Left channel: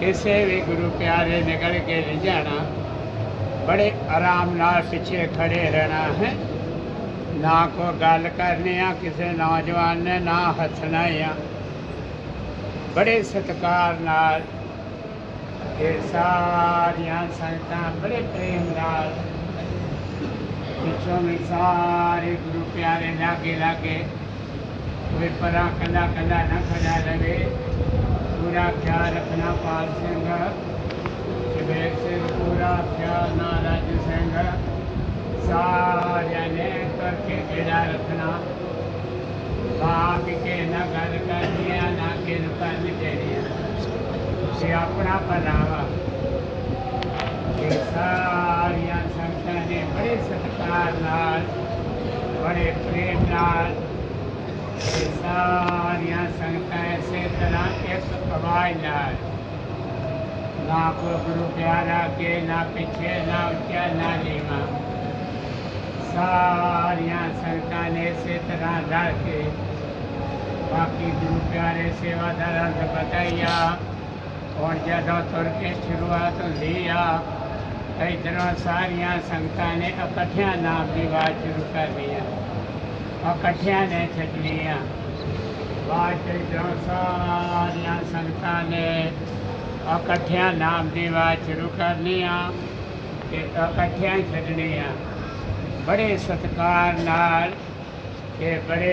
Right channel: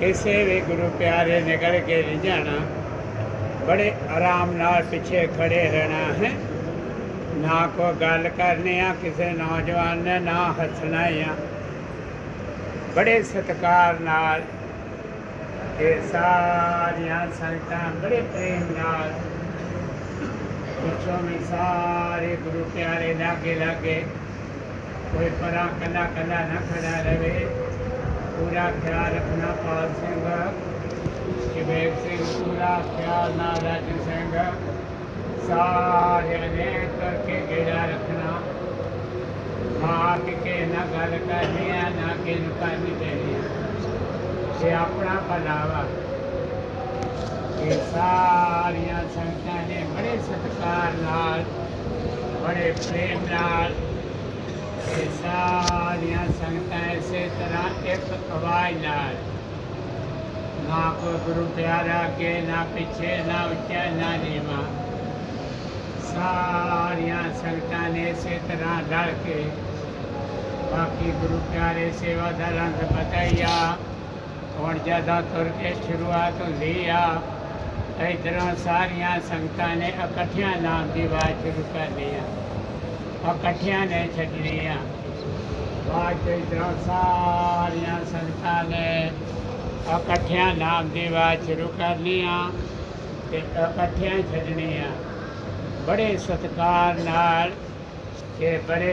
किसी भी गुरु प्यारे निकल के नहीं जाना। बड़े आराम नाल पीछे खड़े रहना है। ना को गल करने आ किसी नौजवान ने ना हसना या। बड़े सत्कार नाल, ये सारिया संगत बड़े प्रेम नाल, पिछों में मिसाल प्यारे लागे लागे। कोई પરા कला कला ન खड़ा रहे। पूरा ख्याल रखना पाल सिंह शिवेद सिंह पूरा ख्याल ना राज सिंह सारे ने करके केड़ा रखना। बाप के न घर कर दिया ना के से अपना पधावा सारिया संतान ने बड़े सत्कार नाल बड़े प्रेमदार ये सारियाँ संगतें तरह एक आवाज़ नाल ना कोई गुरु प्यारा के ना पिछले ना उच्चा ना नीवा सारियाँ संगत ने इसी तरह रल के बाकी गुरु प्यारे सेवादार पता ही और ज़्यादा तुर के शुरुआत हुई आ इधरों तरह सारिया संगत ने इकट्ठिया नाम की आवाज़ शुरू कर दी इकट्ठिया ने छनी है। बाद सारिया संगत ने इकट्ठिया नाम की आवाज़ शुरू करनी आ ਤੇ ਇਕੱਠਿਆਂ ਹੀ ਛੱਡਣੇ ਆ ਬੜੇ ਸਤਕਾਰ ਨਾਲ ਤੇ ਬੜੇ